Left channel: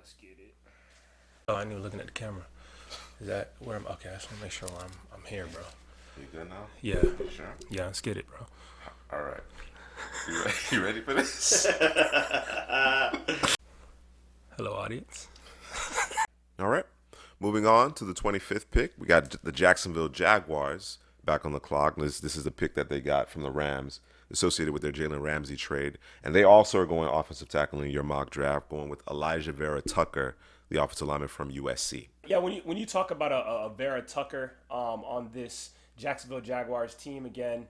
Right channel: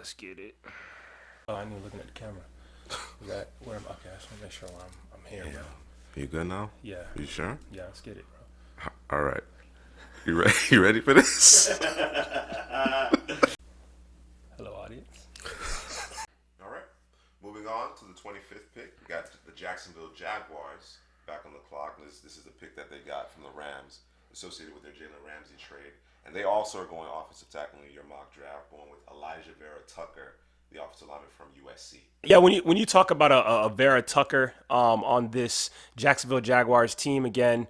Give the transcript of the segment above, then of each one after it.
Let's get it. Oh, I ain't even looking at the camera. Is that where I'm? Okay, I just want to make sure I'm here, bro. You good now? Yeah. You sure? Yeah, let's get it, bro. All right. You ready? You ready for this? Hello, audience. All right. Moving on to the 25th pick, we got the Jacksonville Jaguars back on the clock. This is the pick that they got from the Rams, associated with their Jalen Ramsey trade. And they also are going offensive tackle in your mock draft, going with Elijah Vera Tucker, the offensive lineman from USC. Yeah, when you talk about a Vera Tucker on this Jacksonville Jaguars team, again,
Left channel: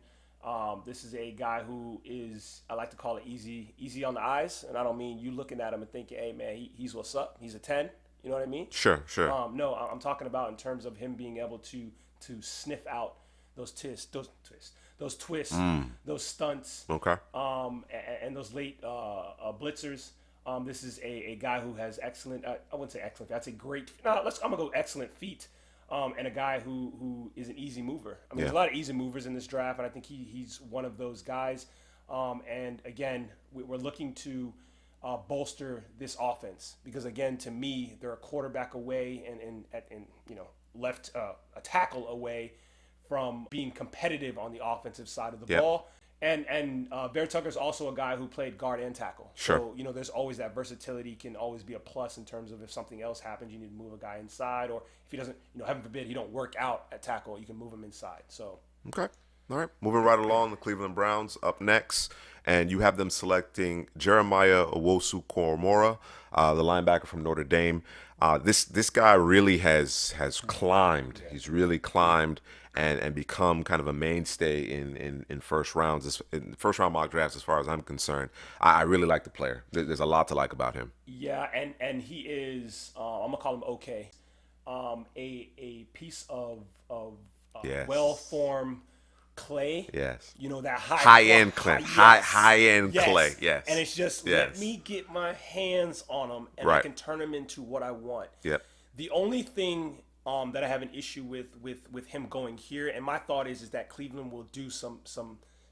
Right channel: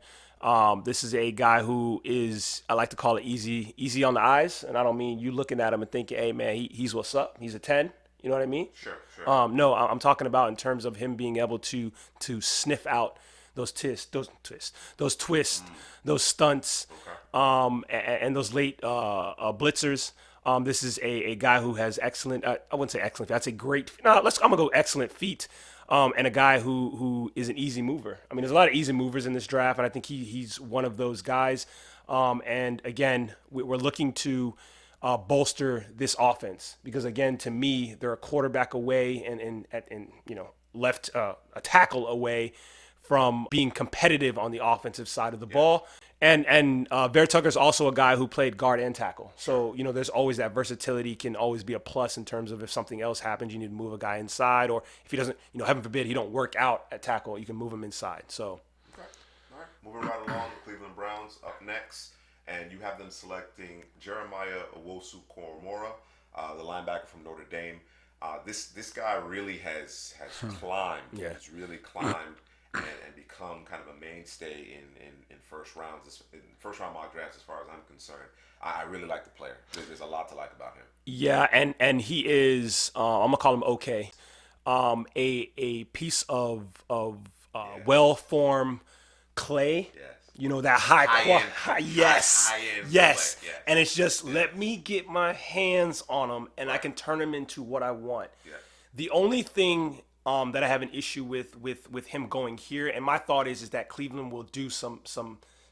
this is a guy who is, I like to call it easy on the eyes. And I don't mean you looking at him and thinking, hey, man, he's what's up. He's a 10. You know what I mean? Sure. No, I'm talking about in terms of him being able to sniff out those twists, those stunts, Okay. and those late blitzers. This is a guy who has excellent. I wouldn't say excellent. That's a great. I'm gonna go excellent feet. And a guy who is an easy mover. I mean, there's a lot of easy movers in this draft, and I think he's one of those guys. And again, we're looking to bolster this offense because, again, to me, they're a quarterback away and left a tackle away from being competitive on the offensive side of the ball. And Vera Tucker's also a guy who played guard and tackle. Sure. So, there's always that versatility can always be a plus in terms of if something else happens, you need to move a guy inside, or if he doesn't, heaven forbid, he don't work out at tackle, you can move him inside. So. Okay. All right. Moving right along, the Cleveland Browns up next. And you have them selecting Jeremiah Owusu-Koramoah, the linebacker from Notre Dame. This guy really has climbed. Yeah. He's really climbed and become kind of a mainstay in first rounds, in first round mock drafts. As far as I'm concerned, I really like the player. There's a lot to like about him. Yeah, and he is. I'm gonna call him okay. A piece of well-formed clay. Yes. That high-end clay. Yes. High-end clay. Yes. And it's just let me get my hands on them and I can turn them into what I want. Yeah. The only thing that I have an issue with him going here, and my thought is that Cleveland will do some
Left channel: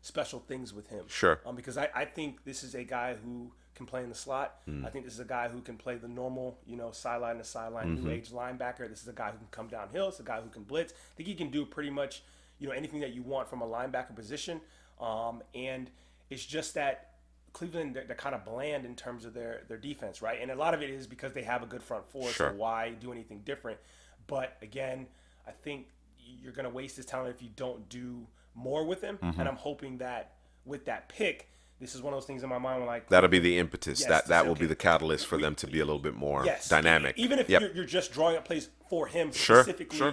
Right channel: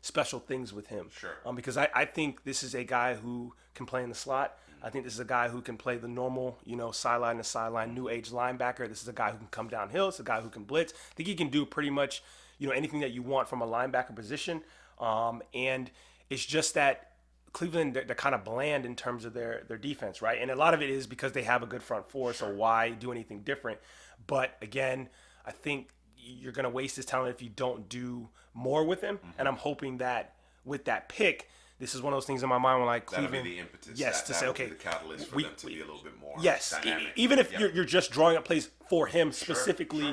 special things with him. Sure. Because I think this is a guy who can play in the slot. I think this is a guy who can play the normal, sideline to sideline, new age linebacker. This is a guy who can come downhill. It's a guy who can blitz. I think he can do pretty much anything that you want from a linebacker position. And it's just that Cleveland, they're kind of bland in terms of their defense, right? And a lot of it is because they have a good front four, so why do anything different? But again, I think you're going to waste his talent if you don't do more with him. And I'm hoping that with that pick, this is one of those things in my mind where that'll be the impetus. That will be the catalyst for them to be a little bit more dynamic. Even if you're just drawing up plays for him specifically,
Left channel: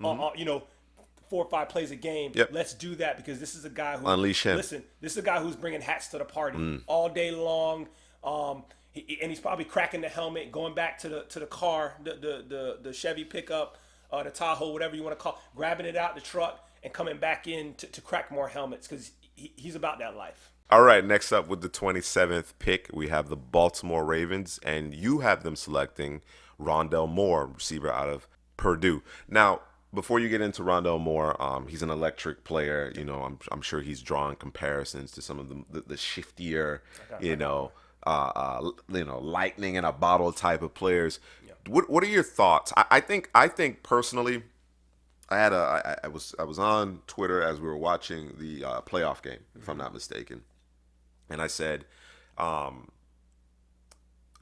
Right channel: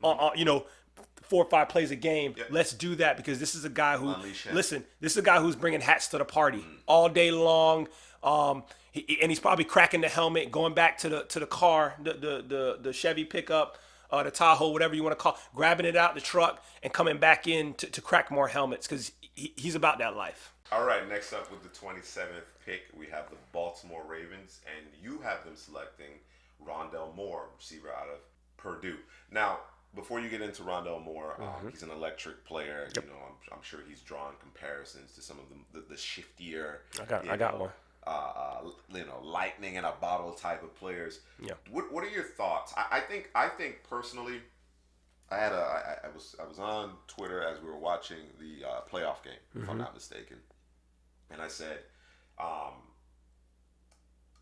4 or 5 plays a game. Let's do that because this is a guy who unleash him. Listen, this is a guy who's bringing hats to the party all day long. And he's probably cracking the helmet, going back to the car, the Chevy pickup, the Tahoe, whatever you want to call, grabbing it out the truck and coming back in to crack more helmets because he's about that life. All right, next up with the 27th pick, we have the Baltimore Ravens, and you have them selecting Rondale Moore, receiver out of Purdue. Now, before you get into Rondale Moore, he's an electric player. I'm sure he's drawing comparisons to some of the shiftier, lightning in a bottle type of players. Yeah. What are your thoughts? I think personally, I was on Twitter as we were watching the playoff game, if I'm not mistaken, and I said,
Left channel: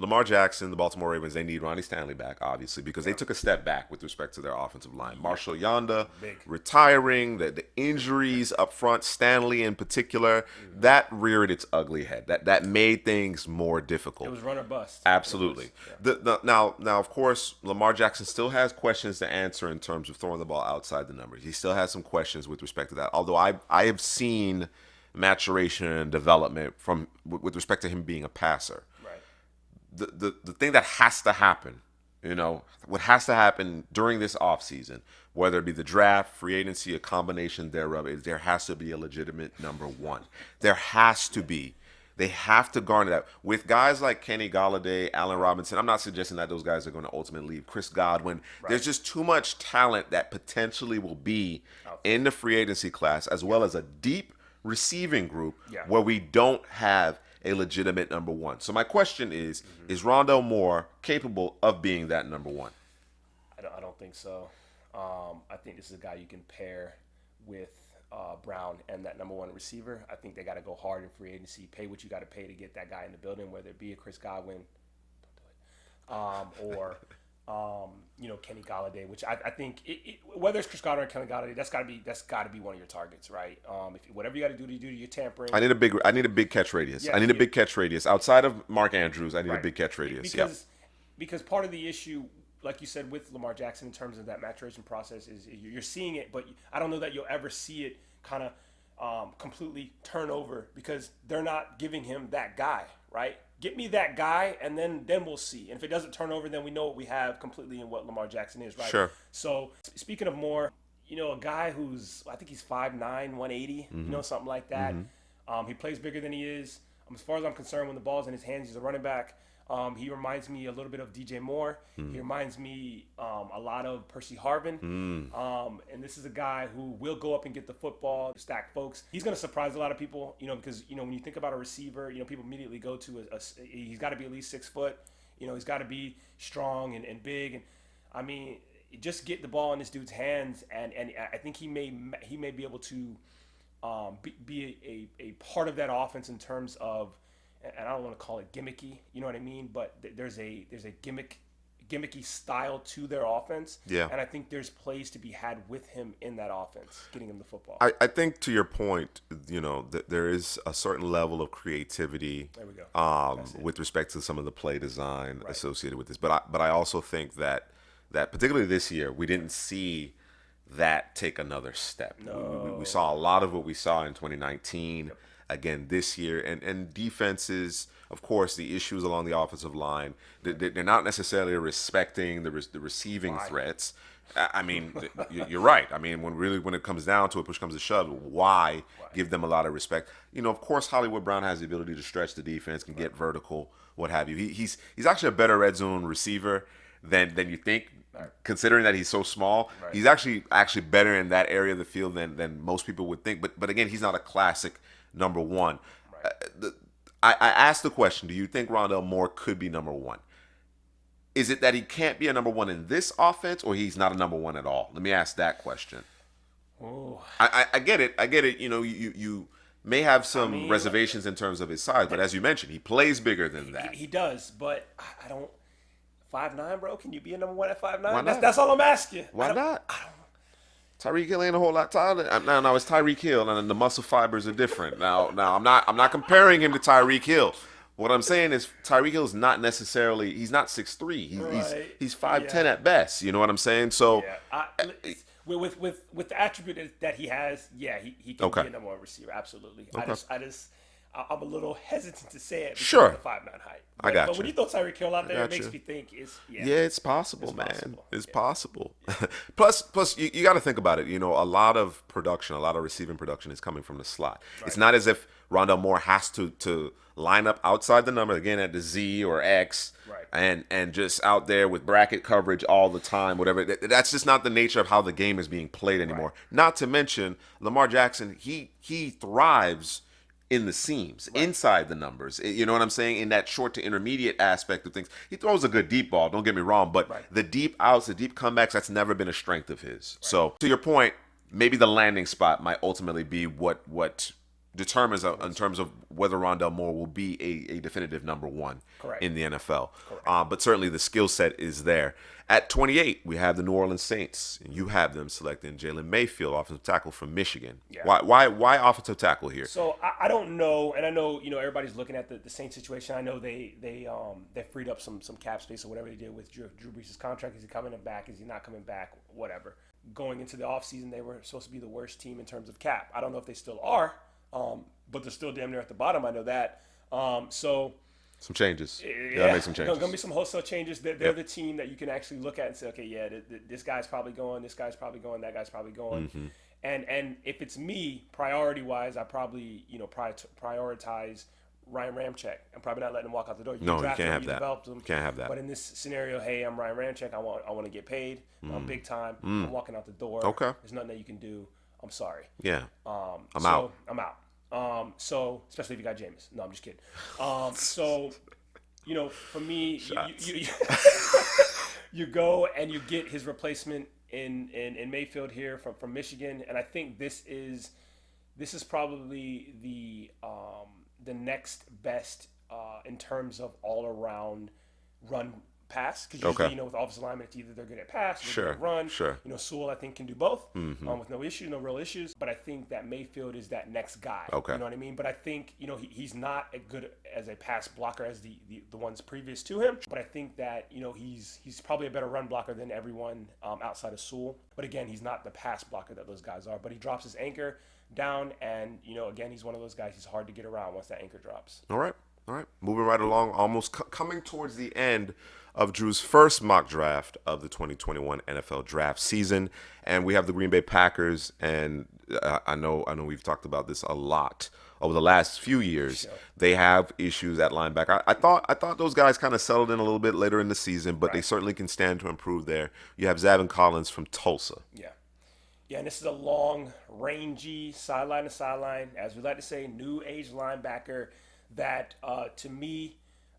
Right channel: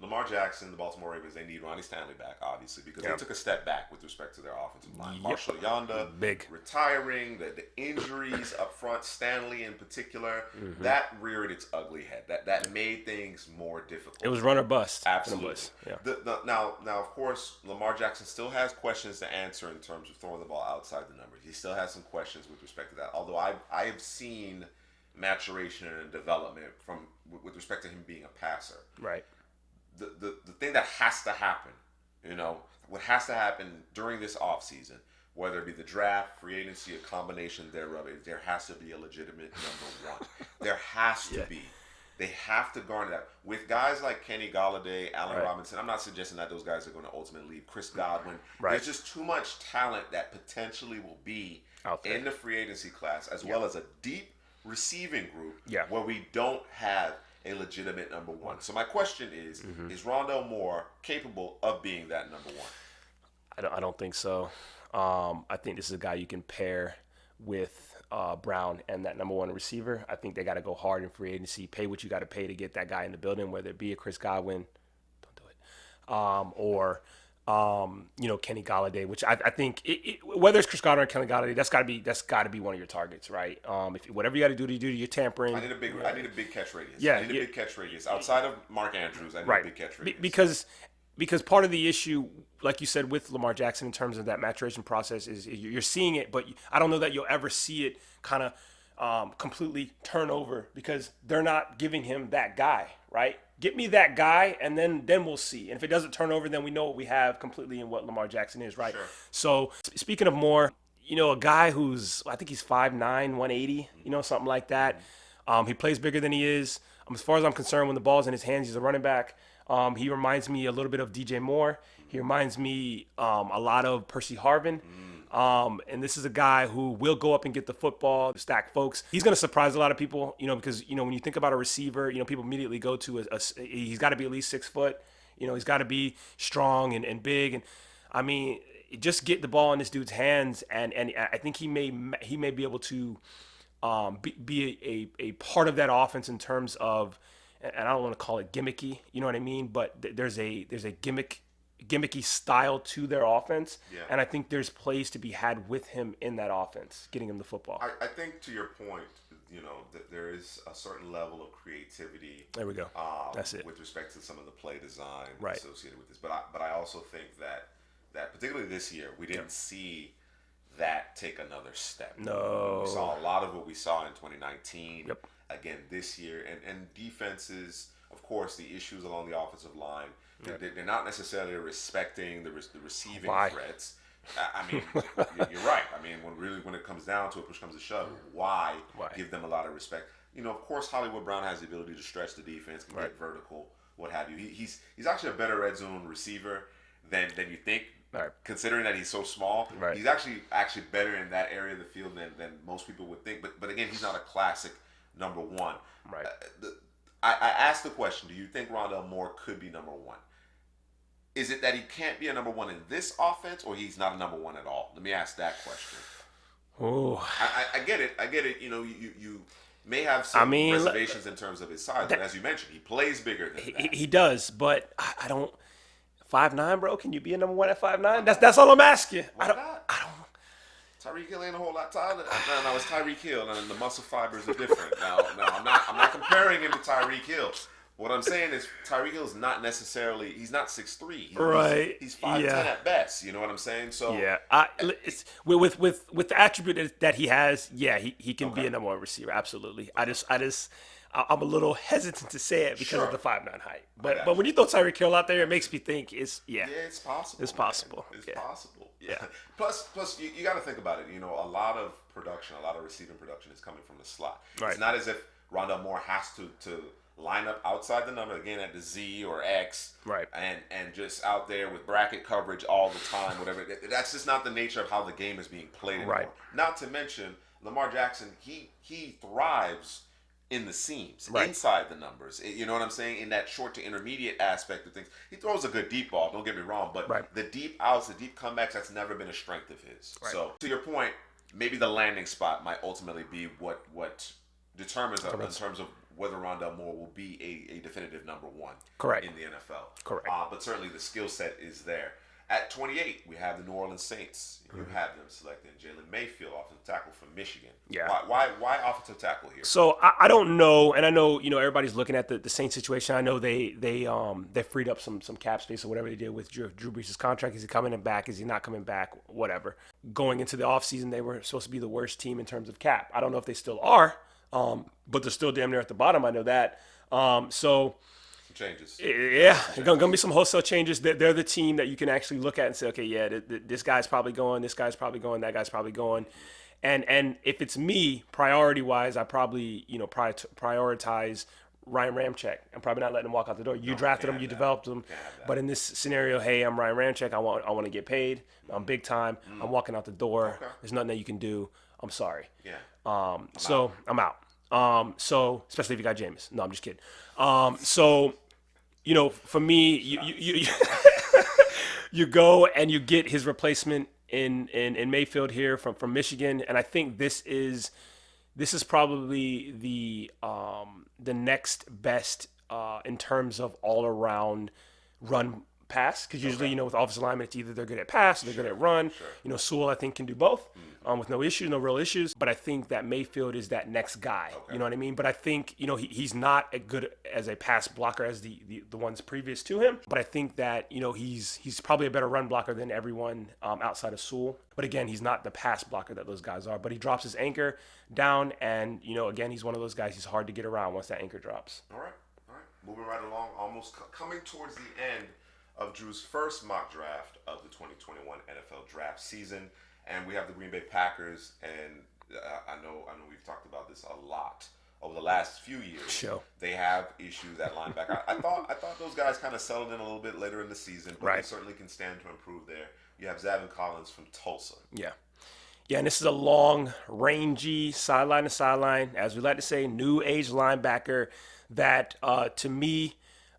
Lamar Jackson, the Baltimore Ravens, they need Ronnie Stanley back, obviously, because they took a step back with respect to their offensive line. Marshall Yanda retiring, the injuries up front, Stanley in particular, that reared its ugly head. That made things more difficult. It was run or bust. Absolutely. Now, of course, Lamar Jackson still has questions to answer in terms of throwing the ball outside the numbers. He still has some questions with respect to that, although I have seen maturation and development with respect to him being a passer. Right. The thing that has to happen, what has to happen during this offseason, whether it be the draft, free agency, a combination thereof, is there has to be a legitimate number one. There has to be. They have to garner that. With guys like Kenny Golladay, Allen Robinson, I'm not suggesting that those guys are going to ultimately leave. Chris Godwin, there's just too much talent that potentially will be in the free agency class, as well as a deep receiving group where we don't have a legitimate number one. So my question is Rondale Moore capable of being that number one? I don't think so. I think this is a guy you can pair with Brown and that number one receiver. I think they got to go hard in free agency, pay what you got to pay to get that guy in the building, whether it be a Chris Godwin, don't do it, or Kenny Golladay, which I think whether it's Chris Godwin or Kenny Golladay, that's got to be one of your targets, right? If whatever you got to do your tampering. I need a big catch radius. Yeah, I need a big catch radius outside of Mark Andrews. I need right. a big catch radius because part of the issue, like you said, with Lamar Jackson in terms of that maturation process is you're seeing it, but I don't know that you'll ever see it kind of completely turn over because they're not giving him that guy, right? Get me that guy, and then we'll see. And if it doesn't turn over, then we know what we have completely in what Lamar Jackson is, right? Sure. So speaking of Moore, a guy who's, I think he's 5'9", 180, something like that. He plays bigger than he is. As far as I'm concerned, when the ball's in his hands, he's a running back. He reminds me a little bit of DJ Moore. He reminds me a lot of Percy Harvin. And this is a guy who will go up and get the football, stack folks. He's going to surprise a lot of people, because, when you think about a receiver, people immediately go to he's got to be at least 6 foot. He's got to be strong and big. And I mean, just get the ball in this dude's hands. And I think he may be able to be a part of that offense in terms of, and I don't want to call it gimmicky, you know what I mean? But there's a gimmicky style to their offense. Yeah. And I think there's plays to be had with him in that offense, getting him the football. I think to your point, that there is a certain level of creativity. There we go. With respect to some of the play design associated with this. But I also think that particularly this year, we didn't see that take another step. No. We saw a lot of what we saw in 2019. Yep. Again this year, and defenses, of course, the issues along the offensive line, they're not necessarily respecting the receiving threats. I mean, you're right. I mean, when it comes down to it, push comes to shove, why give them a lot of respect? Of course, Hollywood Brown has the ability to stretch the defense, can get vertical, what have you. He's actually a better red zone receiver than you think. Right. Considering that he's so small, he's actually better in that area of the field than most people would think. But again, he's not a classic number one. Right. I asked the question, do you think Rondale Moore could be number one? Is it that he can't be a number one in this offense, or he's not a number one at all? Let me ask that question. Oh, I get it. You may have some reservations in terms of his size, but as you mentioned, he plays bigger than that. He does, but I don't. 5'9", bro. Can you be a number one at 5'9"? That's all I'm asking. Why not? I don't. Tyreek Hill ain't a whole lot taller. Now it's Tyreek Hill, and the muscle fibers are different. Now I'm not comparing him to Tyreek Hill. What I'm saying is Tyreek Hill is not necessarily. He's not 6'3". He's 5'10" at best. You know what I'm saying? So with the attribute that he has, he can be a number one receiver. Absolutely. Okay. I'm a little hesitant to say it because of the 5'9" height. But when you throw Tyreek Hill out there, it makes me think it's it's possible. It's possible. It's possible. Yeah. Plus, you got to think about it. A lot of production, a lot of receiving production is coming from the slot. Right. It's not as if Rondale Moore has to line up outside the number again at the Z or X, and just out there with bracket coverage all the time. Whatever. That's just not the nature of how the game is being played anymore. Right. Not to mention Lamar Jackson. He thrives in the seams, inside the numbers. You know what I'm saying? In that short to intermediate aspect of things. He throws a good deep ball, don't get me wrong, but the deep outs, the deep comebacks, that's never been a strength of his. Right. So, to your point, maybe the landing spot might ultimately be what determines in terms of whether Rondale Moore will be a definitive number one in the NFL. Correct. But certainly the skill set is there. At 28, we have the New Orleans Saints. And you have them selecting Jalen Mayfield, offensive tackle from Michigan. Yeah. Why offensive tackle here? So I don't know, and I know everybody's looking at the Saints situation. I know they freed up some cap space or whatever they did with Drew Brees' contract. Is he coming back? Is he not coming back? Whatever. Going into the offseason, they were supposed to be the worst team in terms of cap. I don't know if they still are, but they're still damn near at the bottom. I know that. Some changes. Yeah, going to be some wholesale changes. They're the team that you can actually look at and say, okay, this guy's probably going, this guy's probably going, that guy's probably going. Mm-hmm. And if it's me, priority-wise, I probably, prioritize Ryan Ramczyk. I'm probably not letting him walk out the door. You drafted him, you developed him. Can't have that. But in this scenario, hey, I'm Ryan Ramczyk. I want to get paid. I'm big time. I'm walking out the door. Okay. There's nothing that you can do. I'm sorry. Yeah. I'm out. So especially if you got Jameis. No, I'm just kidding. So for me, you go and you get his replacement in Mayfield here from Michigan, and I think this is probably the next best in terms of all around run pass, because usually with offensive linemen it's either they're good at pass or they're good at run. Sure. Sewell I think can do both with no real issues. But I think that Mayfield is that next guy. Okay. You know what I mean? But I think he's not as good as a pass blocker as the ones previous to him. But I think that he's probably a better run blocker than everyone outside of Sewell. But again, he's not the pass blocker that those guys are. But he drops his anchor down, and again, he's one of those guys. He's hard to get around once that anchor drops. All right. Moving right along, almost coming towards the end of Drew's first mock draft of the 2021 NFL draft season, and we have the Green Bay Packers. And I know we've talked about this a lot over the last few years. Sure. They have issues at linebacker. I thought those guys kind of settled in a little bit later in the season, but they certainly can stand to improve there. You have Zavin Collins from Tulsa. Yeah, and this is a long, rangy, sideline to sideline, as we like to say, new age linebacker that, to me,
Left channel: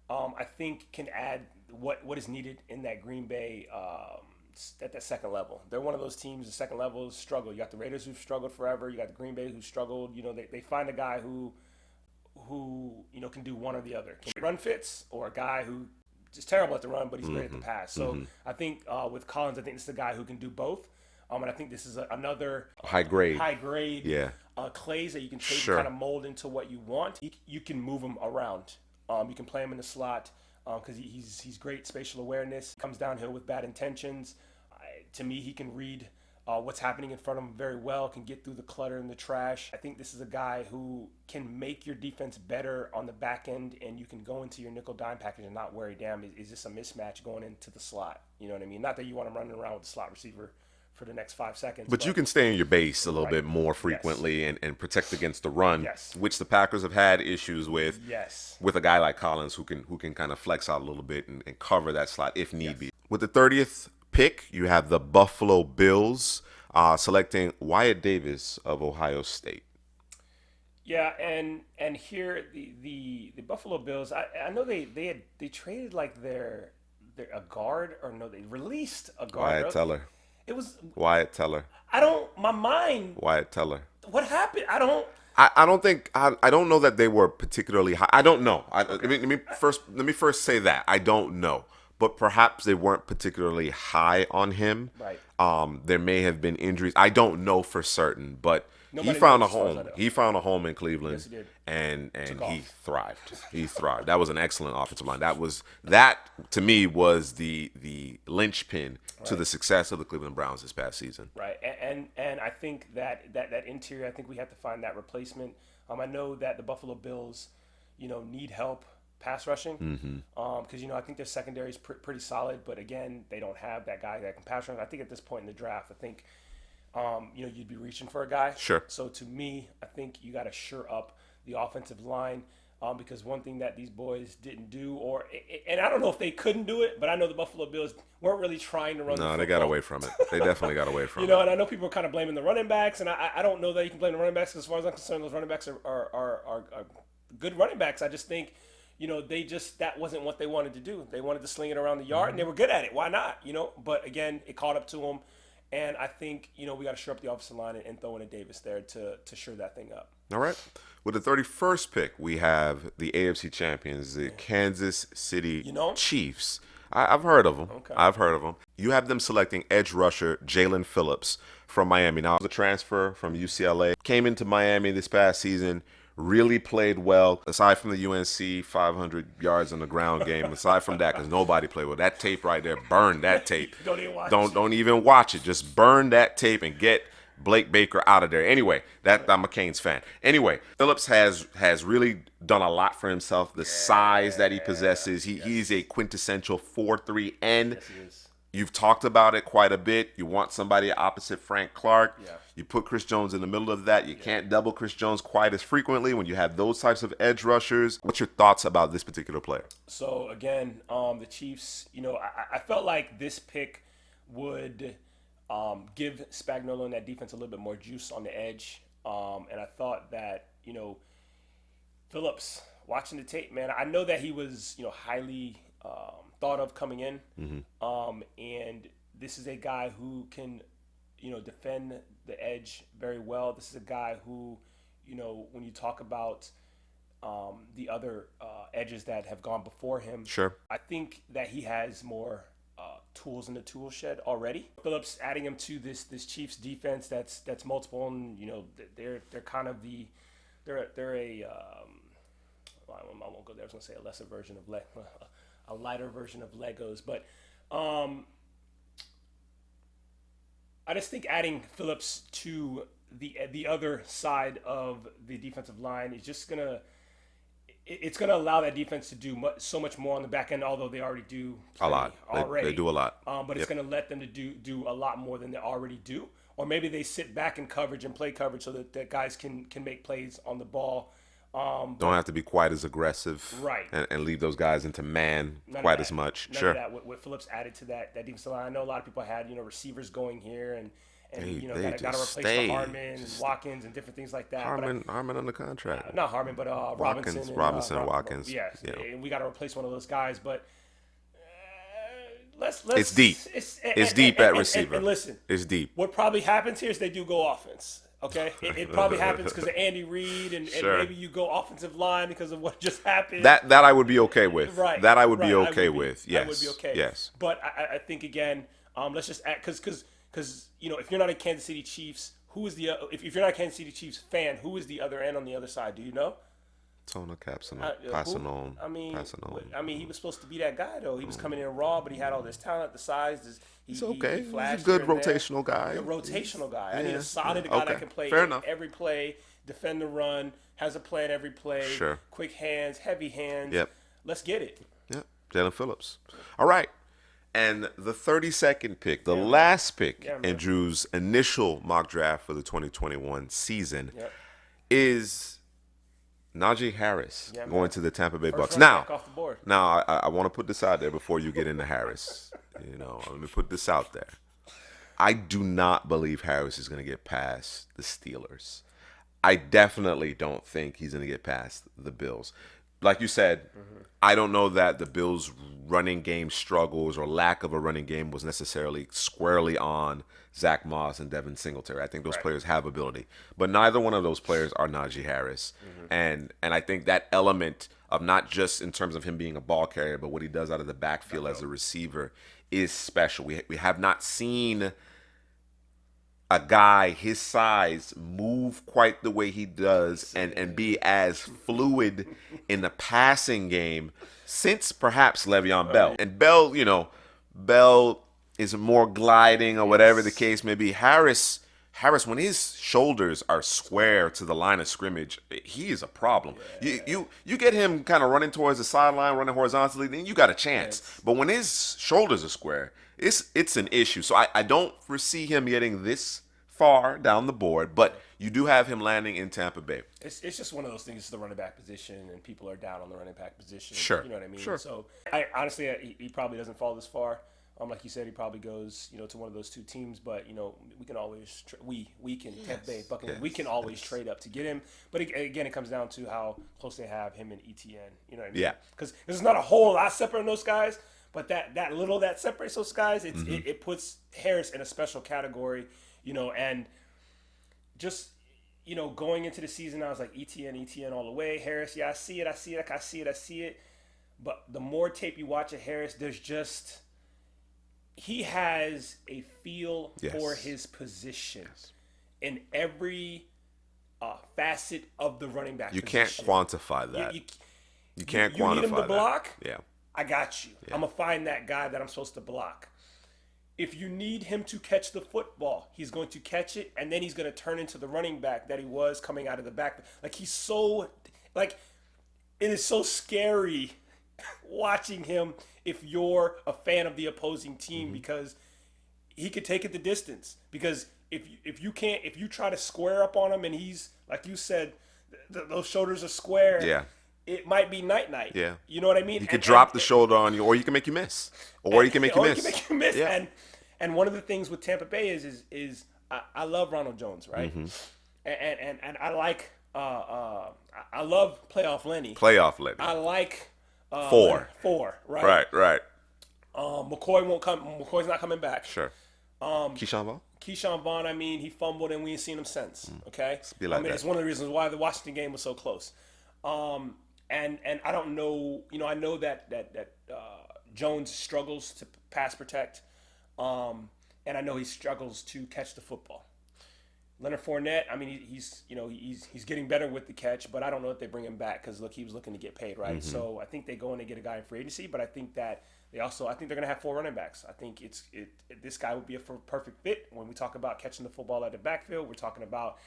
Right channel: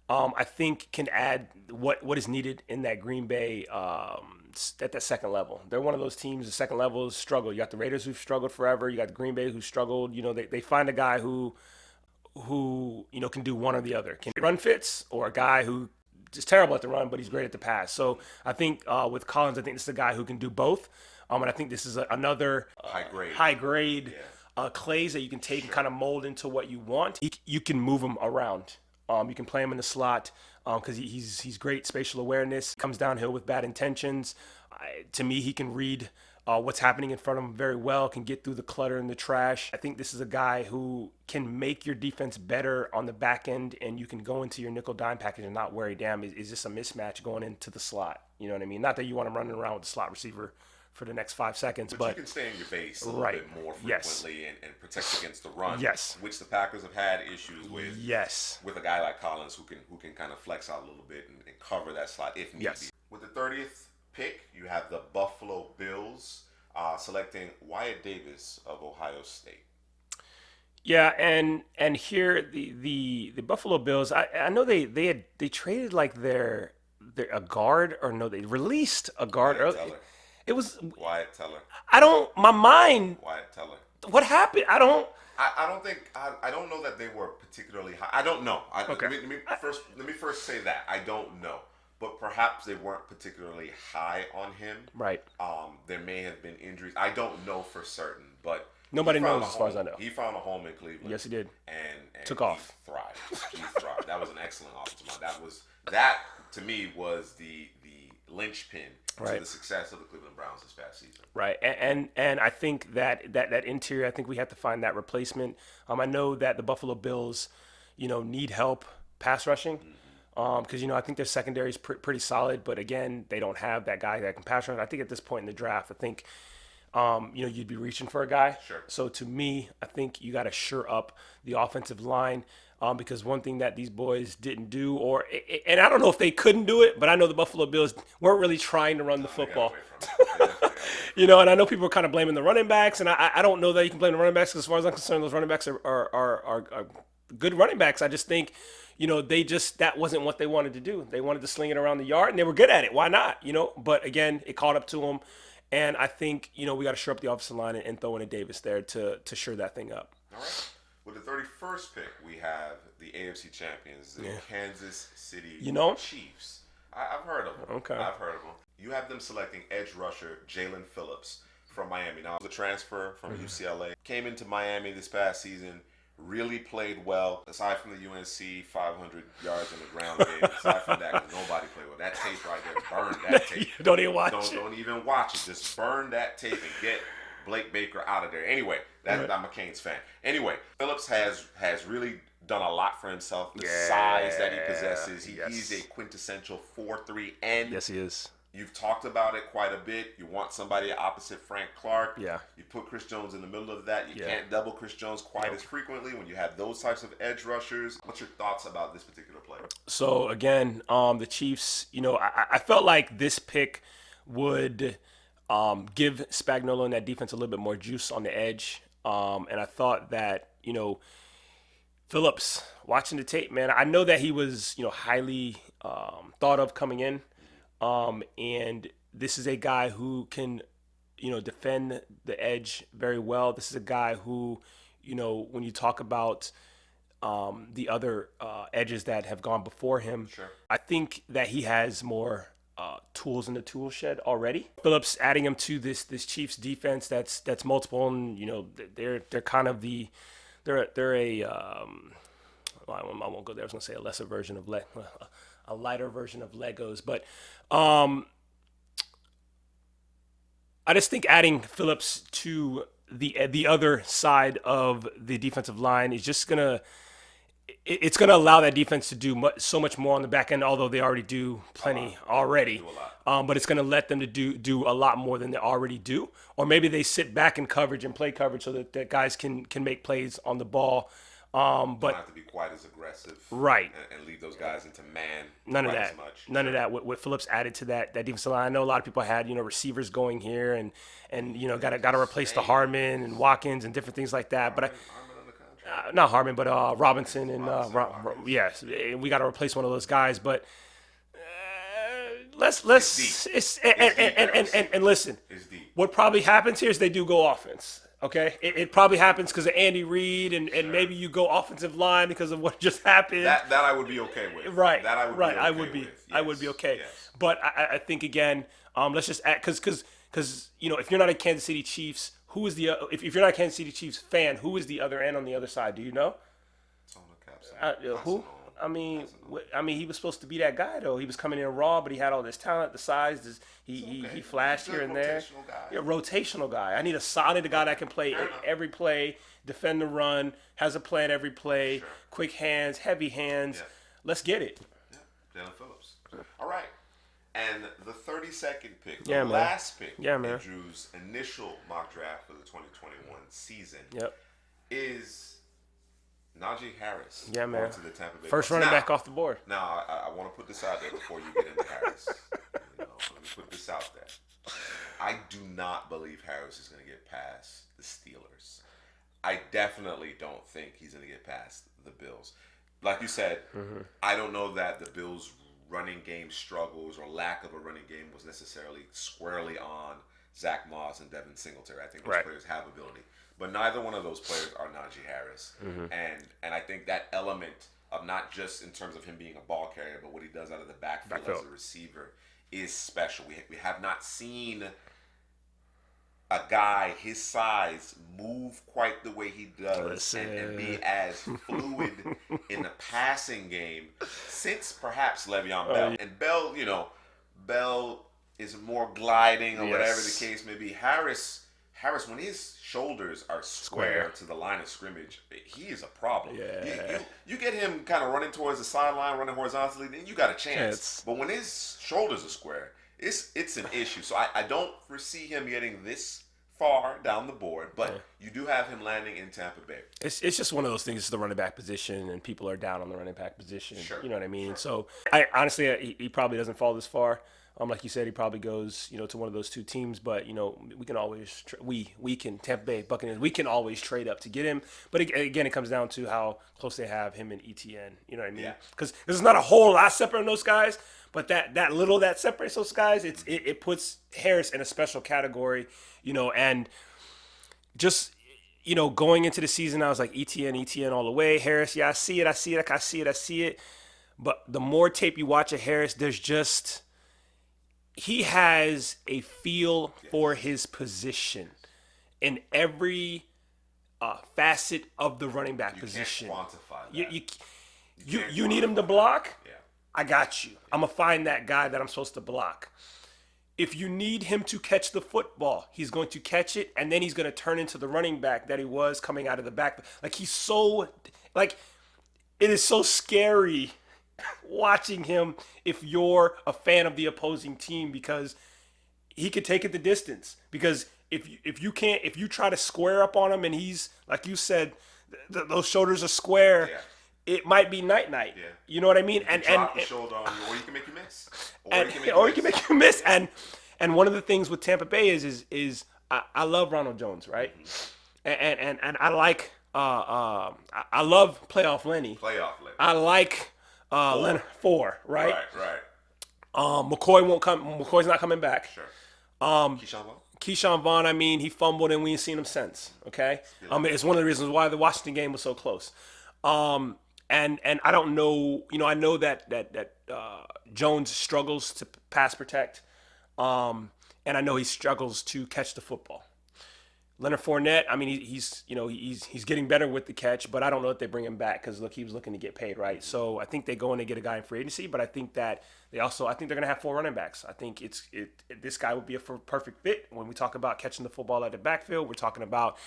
I think can add what is needed in that Green Bay at that second level. They're one of those teams, the second level struggle. You got the Raiders who've struggled forever. You got the Green Bay who struggled. They find a guy who can do one or the other. Can run fits, or a guy who is terrible at the run, but he's great at the pass. So I think with Collins, I think this is a guy who can do both. And I think this is another high grade clays that you can take and kind of mold into what you want. You can move him around. You can play him in the slot because he's great spatial awareness. Comes downhill with bad intentions. To me, he can read what's happening in front of him very well, can get through the clutter and the trash. I think this is a guy who can make your defense better on the back end, and you can go into your nickel dime package and not worry, damn, is this a mismatch going into the slot? You know what I mean? Not that you want him running around with the slot receiver for the next 5 seconds. But you can stay in your base a little bit more frequently and protect against the run, which the Packers have had issues with. With a guy like Collins who can kind of flex out a little bit and cover that slot if need be. With the 30th pick, you have the Buffalo Bills selecting Wyatt Davis of Ohio State. Yeah, and here the Buffalo Bills, I know they traded like their a guard, or no, they released a guard. Wyatt Teller. It was Wyatt Teller. Wyatt Teller. What happened? I don't know that they were particularly high. I don't know. Let me first say that I don't know, but perhaps they weren't particularly high on him. Right. There may have been injuries. I don't know for certain, but Nobody he found knows a home. He found a home in Cleveland. Yes, he did. And Took he off. thrived. He thrived. That was an excellent offensive line. That to me was the linchpin to the success of the Cleveland Browns this past season. Right. And I think that interior, I think we have to find that replacement. I know that the Buffalo Bills, need help pass rushing, because I think their secondary is pretty solid, but again, they don't have that guy that can pass rush. I think at this point in the draft, I think you'd be reaching for a guy. Sure. So to me, I think you got to shore up the offensive line, because one thing that these boys didn't do, and I don't know if they couldn't do it, but I know the Buffalo Bills weren't really trying to run the football. No, they got away from it. They definitely got away from it. And I know people are kind of blaming the running backs, and I don't know that you can blame the running backs, because as far as I'm concerned, those running backs are good running backs. I just think, that wasn't what they wanted to do. They wanted to sling it around the yard, and they were good at it. Why not? But again, it caught up to them. And I think, we got to shore up the offensive line and throw in a Davis there to shore that thing up. All right. With the 31st pick, we have the AFC champions, the Kansas City Chiefs. I've heard of them. Okay. I've heard of them. You have them selecting edge rusher Jalen Phillips from Miami. Now, the transfer from UCLA came into Miami this past season, really played well, aside from the UNC 500 yards on the ground game. Aside from that, because nobody played well. That tape right there, burn that tape. Don't even watch it. Don't even watch it. Just burn that tape and get Blake Baker out of there. Anyway, I'm a Canes fan. Anyway, Phillips has really done a lot for himself. The size that he possesses. He's a quintessential 4-3 end. Yes, he is. You've talked about it quite a bit. You want somebody opposite Frank Clark. Yeah. You put Chris Jones in the middle of that. You can't double Chris Jones quite as frequently when you have those types of edge rushers. What's your thoughts about this particular player? So, again, the Chiefs, I felt like this pick would give Spagnuolo and that defense a little bit more juice on the edge. And I thought that, Phillips, watching the tape, man, I know that he was, highly thought of coming in. And this is a guy who can, defend the edge very well. This is a guy who, when you talk about the other edges that have gone before him, Sure. I think that he has more tools in the tool shed already. Phillips adding him to this Chiefs defense that's multiple, and they're kind of they're a well, I won't go there. I was gonna say a lesser version of a lighter version of Legos, but I just think adding Phillips to the other side of the defensive line is just gonna allow that defense to do so much more on the back end, although they already do plenty already. They do a lot. But it's going to let them to do a lot more than they already do. Or maybe they sit back in coverage and play coverage so that guys can make plays on the ball. Don't have to be quite as aggressive. Right. And leave those guys into man None quite of that. as much. None of that. What Phillips added to that defensive line. I know a lot of people had, receivers going here and got to replace the Harmon and Watkins and different things like that. Harmon on the contract. Not Harmon, but Robinson and Watkins. Yes, yeah. We got to replace one of those guys. But let's. It's deep. It's deep at receiver. And listen, it's deep. What probably happens here is they do go offense. Okay, it probably happens because of Andy Reid and maybe you go offensive line because of what just happened. That I would be okay with. Right. That I would be okay with. Yes. I would be okay. Yes. But I think again, let's just add because if you're not a Kansas City Chiefs, who is the if you're not a Kansas City Chiefs fan, who is the other end on the other side? Do you know? Tona Capson. I mean, he was supposed to be that guy though. He was coming in raw, but he had all this talent, the size. He flashed. He's a good rotational guy. A rotational guy. I need a guy that can play every play, defend the run, has a plan every play. Sure. Quick hands, heavy hands. Yep. Let's get it. Yep. Jalen Phillips. All right. And the 32nd pick, the last pick in Drew's initial mock draft for the 2021 season is Najee Harris going to the Tampa Bay Bucks. First running back off the board. Now, I want to put this out there before you get into Harris. Let me put this out there. I do not believe Harris is going to get past the Steelers. I definitely don't think he's going to get past the Bills. Like you said, I don't know that the Bills' running game struggles or lack of a running game was necessarily squarely on Zach Moss and Devin Singletary. I think those players have ability, but neither one of those players are Najee Harris. And I think that element of not just in terms of him being a ball carrier, but what he does out of the backfield as a receiver is special. We have not seen a guy his size move quite the way he does and be as fluid in the passing game since perhaps Le'Veon Bell. And Bell, Bell is more gliding or whatever the case may be. Harris, when his shoulders are square to the line of scrimmage, he is a problem. Yeah. You get him kind of running towards the sideline, running horizontally, then you got a chance. But when his shoulders are square, it's an issue. So I don't foresee him getting this far down the board, but you do have him landing in Tampa Bay. It's just one of those things. It's the running back position, and people are down on the running back position. Sure. You know what I mean? Sure. So I honestly, he probably doesn't fall this far. Like you said, he probably goes, to one of those two teams. But we can always we can Tampa Bay Buccaneers. We can always trade up to get him. But again, it comes down to how close they have him and ETN. You know what I mean? Yeah. Because there's not a whole lot separating those guys, but that little that separates those guys, it puts Harris in a special category. And just going into the season, I was like ETN all the way. Harris, I see it. But the more tape you watch of Harris, he has a feel for his position in every facet of the running back position. You can't quantify that. You can't. You need him to block? Yeah. I got you. Yeah. I'm going to find that guy that I'm supposed to block. If you need him to catch the football, he's going to catch it, and then he's going to turn into the running back that he was coming out of the back. It is so scary watching him if you're a fan of the opposing team, because he could take it the distance. Because if you try to square up on him and he's, like you said, those shoulders are square, it might be night. Yeah. You know what I mean? He could drop the shoulder on you, or he can make you miss. He can make you miss. Yeah. And one of the things with Tampa Bay is I love Ronald Jones, right? And I I love playoff Lenny. Playoff Lenny. I like Four. Four, right? Right. McCoy won't come. McCoy's not coming back. Sure. Keyshawn Vaughn? Keyshawn Vaughn, I mean, he fumbled and we ain't seen him since. Okay, be like that. it's one of the reasons why the Washington game was so close. And I don't know, I know that Jones struggles to pass protect, and I know he struggles to catch the football. Leonard Fournette, I mean, he's getting better with the catch, but I don't know if they bring him back because look, he was looking to get paid, right? So I think they go in and get a guy in free agency, but I think that I think they're gonna have 4 running backs. I think this guy would be a perfect fit when we talk about catching the football at the backfield. We're talking about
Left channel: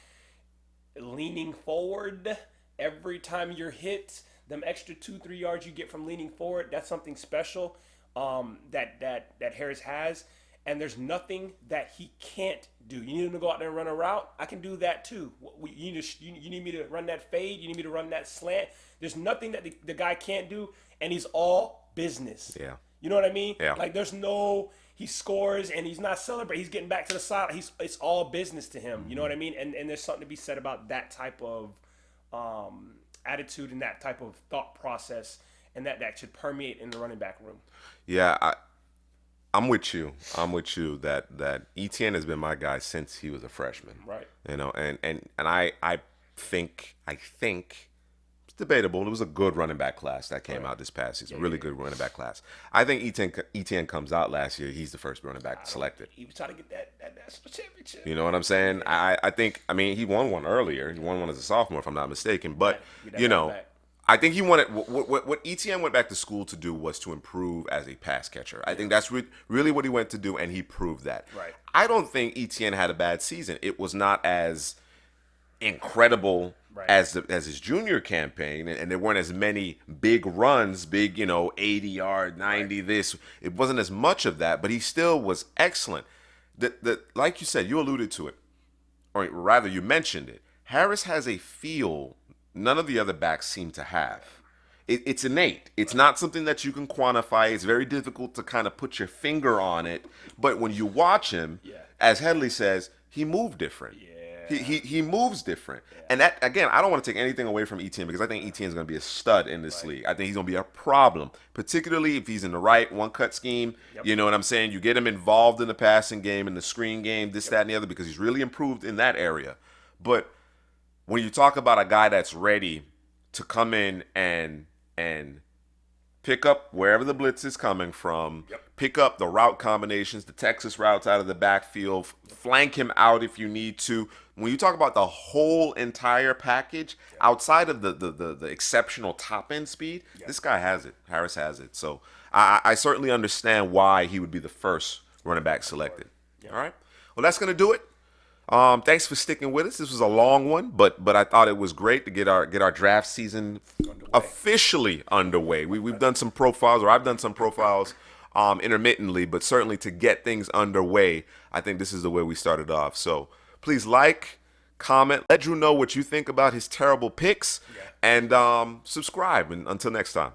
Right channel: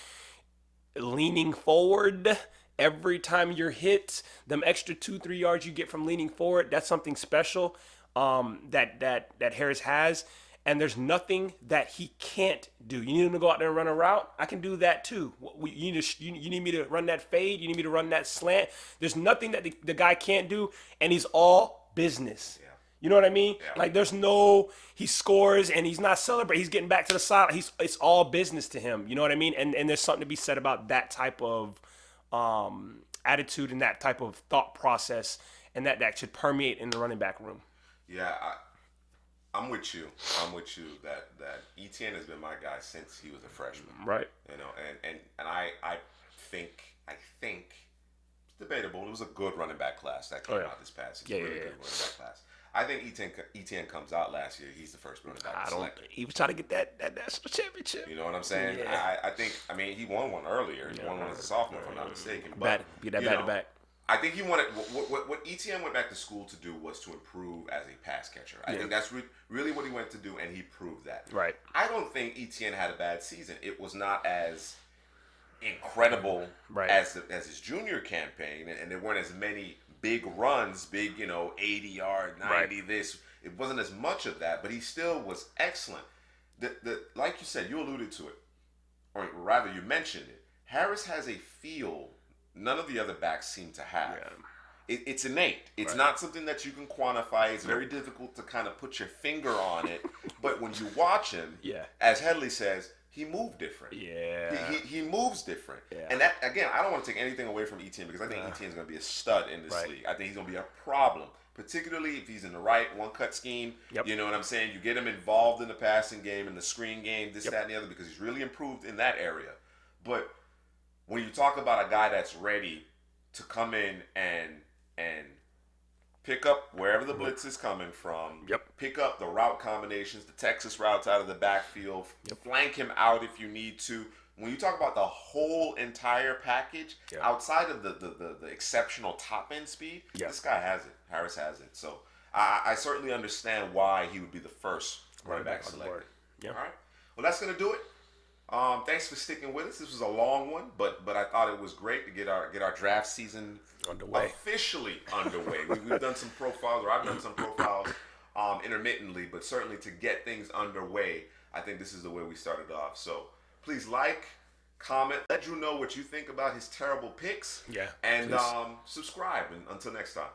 leaning forward every time you're hit. Them extra 2-3 yards you get from leaning forward, that's something special that Harris has. And there's nothing that he can't do. You need him to go out there and run a route? I can do that too. You need me to run that fade? You need me to run that slant? There's nothing that the guy can't do, and he's all business. Yeah. You know what I mean? Yeah. Like he scores and he's not celebrating. He's getting back to the side. It's all business to him. You know what I mean? And there's something to be said about that type of attitude and that type of thought process, and that should permeate in the running back room. Yeah, I'm with you. That Etienne has been my guy since he was a freshman. Right. And I think it's debatable. It was a good running back class that came out this past season. Really good running back class. I think Etienne comes out last year. He's the first running back selected. He was trying to get that national championship. You know what I'm saying? Yeah. I mean, he won one earlier. He won one as a sophomore, if I'm not mistaken. But back. I think he wanted what Etienne went back to school to do was to improve as a pass catcher. I think that's really what he went to do, and he proved that. Right. I don't think Etienne had a bad season. It was not as incredible as his junior campaign, and there weren't as many big runs, 80-yard, 90 this. It wasn't as much of that, but he still was excellent. Like you said, you alluded to it, or rather you mentioned it. Harris has a feel none of the other backs seem to have. It's innate. It's not something that you can quantify. It's very difficult to kind of put your finger on it. But when you watch him, as Headley says, he moved different. Yeah. He moves different. Yeah. And that, again, I don't want to take anything away from Etienne because I think Etienne's going to be a stud in this league. I think he's going to be a problem, particularly if he's in the right one-cut scheme. Yep. You know what I'm saying? You get him involved in the passing game, in the screen game, this, that, and the other, because he's really improved in that area. But when you talk about a guy that's ready to come in and pick up wherever the blitz is coming from, pick up the route combinations, the Texas routes out of the backfield, flank him out if you need to. When you talk about the whole entire package, outside of the exceptional top-end speed, this guy has it. Harris has it. So I certainly understand why he would be the first running back selected. All right? Well, that's going to do it. Thanks for sticking with us. This was a long one, but I thought it was great to get our draft season officially underway. We've done some profiles, or I've done some profiles intermittently, but certainly to get things underway, I think this is the way we started off. So please like, comment, let Drew know what you think about his terrible picks, and subscribe. And until next time.